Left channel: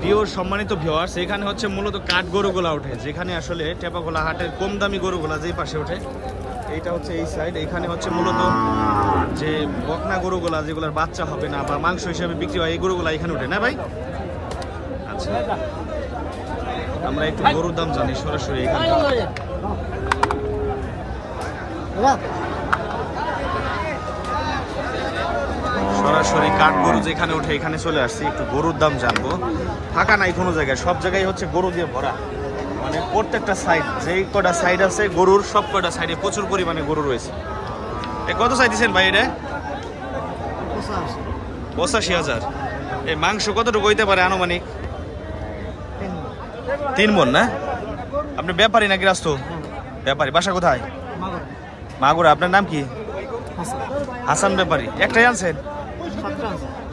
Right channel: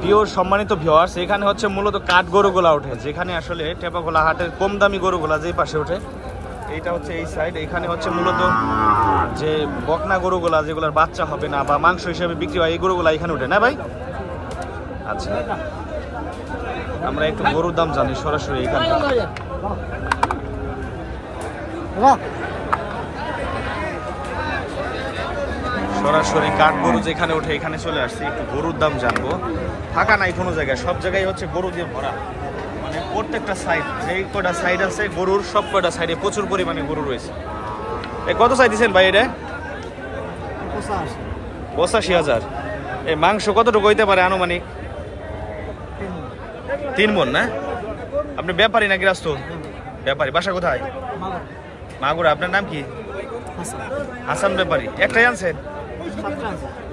প্রিয় সম্মানিত ভিউয়ার্স, এখানে হচ্ছে মূলত কাঠ গরুগুলা ওঠে, যেখানে আসলে টেপাখোলা হাটের কম দামি গরুগুলা যেই পাশে ওঠে, এইটা হচ্ছে এই সাইড। এখানে হচ্ছে মূলত যে বকনা গরুগুলা যেগুলোর বাচ্চা হবে না বা মাংস হিসেবে বিক্রি হয়, এই গরুগুলা এখানে ওঠে না ভাই? আচ্ছা, আমরা একটু গরুর দাম জানি সরাসরি এখানে। সরাসরি কাঠ গরু যেখানে ওঠে এখানে চলে আসছি, একটু গরুর দাম জানবো। ফাঁকা নাই কোনো জায়গায়, সব জায়গায় হচ্ছে গরু দিয়ে ভরা, মানে প্রত্যেকটা সাইড, যেই কটা সাইড আছে গরুর, সব কটা সাইডে প্রচুর পরিমাণে গরু রয়েছে। কত চাই দিচ্ছেন ভাই এটা? 85,000। এই মাংস কতটুকু হইতে পারে আনুমানিক? 3 মণ না? আপনি ব্যাপারী না গৃহস্থ? ব্যাপারী। বাসা কোথায়? মাগুরা। আপনার নাম কি? হাসান ব্যাপারী। একটাই আনছেন?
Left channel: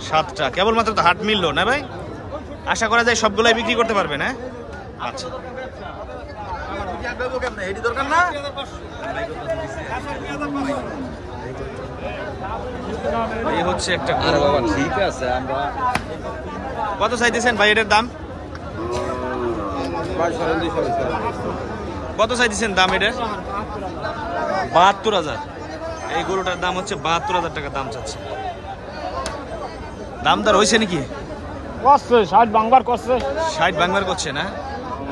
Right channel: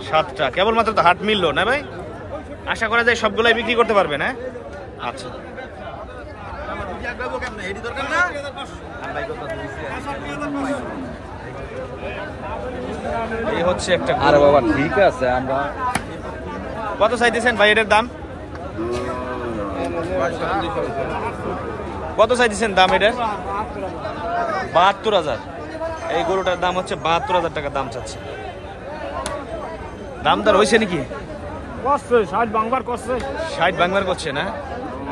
7টা। কেবলমাত্র তো হাট মিললো না ভাই? আশা করা যায় সবগুলাই বিক্রি করতে পারবেন। হ্যাঁ, আচ্ছা। এই হচ্ছে একটা গরু। ঠিক আছে, কত চাইতেছেন ভাই এটার দাম? কত চাইতেছেন দাম এটার? 72,000। এই গরুটার দাম হচ্ছে 72,000 টাকা দাম চাচ্ছে। দাম দর হয়েছে নাকি? 60 ভাঙবার করছে না?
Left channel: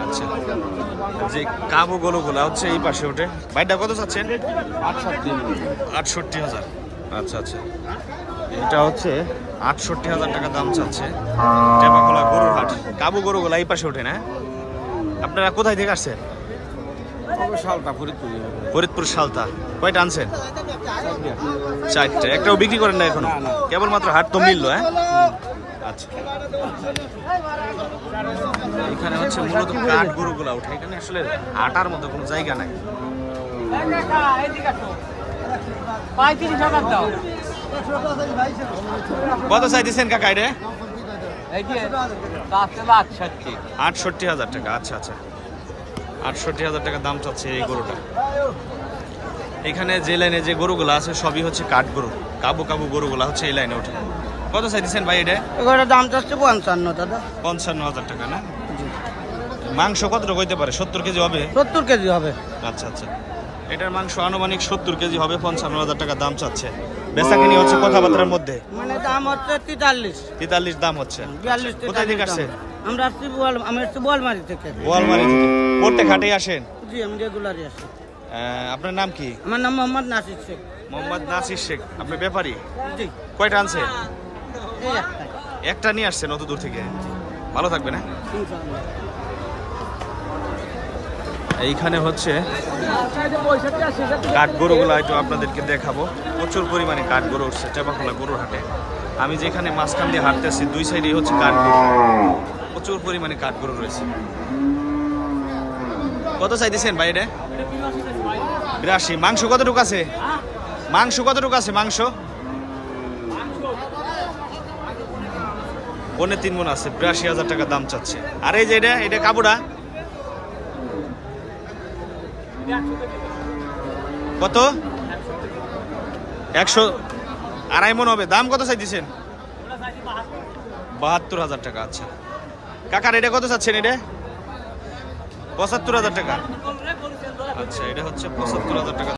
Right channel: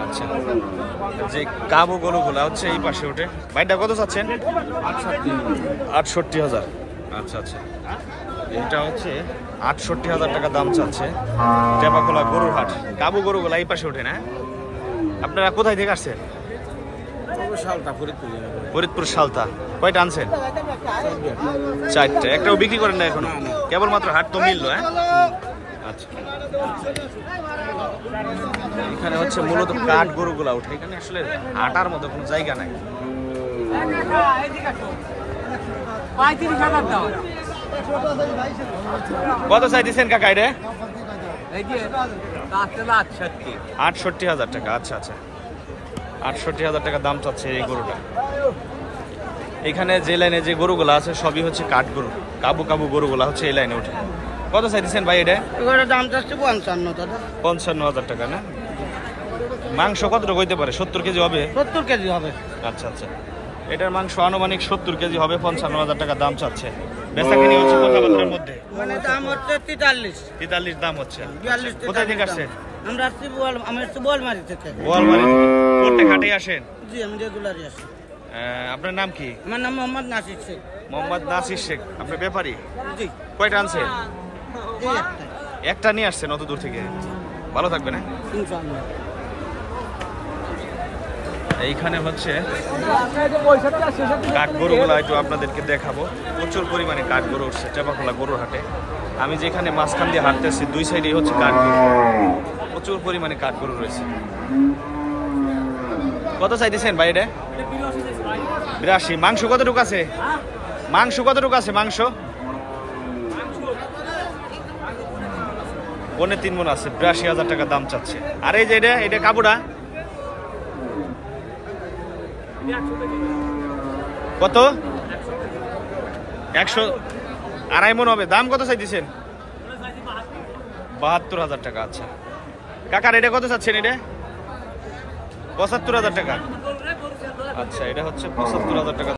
আচ্ছা, যে কাবু গরুগুলা হচ্ছে এই পাশে ওঠে। ভাইটা কত চাচ্ছেন? 68,000। আচ্ছা আচ্ছা, এটা হচ্ছে 68,000 টাকা দাম চাচ্ছে। টেপাখোলা গরুর হাট, কাবু গরুগুলা এই পাশে ওঠে না? আপনারা কোথায় থেকে আসছেন? ফরিদপুর সালতা। কয়টা আনছেন? 4টা। একটাও বিক্রি করেন না এখনো? কেবলমাত্র হাট তো মিললো। হ্যাঁ, আচ্ছা। এখানে হচ্ছে মূলত কাঠ গরুগুলা ওঠে, এখানে আসলে হাঁটার মতো কোনো জায়গা নাই। কত চাইতেছেন কাকা এটা? 68,000 টাকা। আচ্ছা আচ্ছা, 68,000 টাকা দাম চাচ্ছে এই গরুটা। এখানে যে লাইনে যে গরুগুলা আছে সবই হচ্ছে কাঠ গরু, কাবু কাবু গরুগুলা হচ্ছে এই লাইনে ওঠে। কত চাইতেছেন ভাই এটা? দাম চাচ্ছে 55,000 টাকা না? মাংস কতটুকু হইতে পারে? 70 কেজি হবে? 70 কেজি হবে। আচ্ছা আচ্ছা, এটার মাংস আনুমানিক 70 কেজি হবে। 55,000 টাকা দাম চাচ্ছে। বেচাকিনি হচ্ছে কথাবার্তার মধ্যে, মানে দাম হচ্ছে 43 দাম হচ্ছে। কোথায় থেকে আসছেন? আমরা বোয়ালমারি থেকে। বোয়ালমারি থেকে প্রত্যেক হাটেই আসেন? জি, আমি রেগুলারই আসি। আপনার নাম কি? আমার নাম মোহাম্মদ নাসির শেখ। মোহাম্মদ নাসির শেখ। আপনি ব্যাপারী? জি। কয়টা আনছেন? একটা নিয়ে আসছেন অত দূর থেকে? ভালো থাকবেন। হ্যাঁ, এইখানে হচ্ছে কাঠ গরুগুলা একটু আপনাদেরকে দেখাবো। প্রচুর পরিমাণে কাঠ গরু উঠছে টেপাখোলা গরুর হাটে। আমি যেখানে মাঝখান দিয়ে হাঁটতেছি, দুই সাইডে হচ্ছে কাঠ গরু, প্রচুর পরিমাণে কাঠ গরু রয়েছে। কত চাইতেছেন ভাই এটা? 82। মাংস কতটুকু আছে? মাংস কতটুকু আছে? মাংস 3.5 মণ আছে। 82,000 টাকা দাম চাচ্ছে। আর এই যে এটা কাবুটা কত? 100, 2.5 মণ হবে। দাম কত চাইতেছেন? 72,000 টাকা। আচ্ছা কাকার এটা কত চাচ্ছেন? এটা 75,000 টাকা। আচ্ছা, এটা হচ্ছে 75,000 টাকা।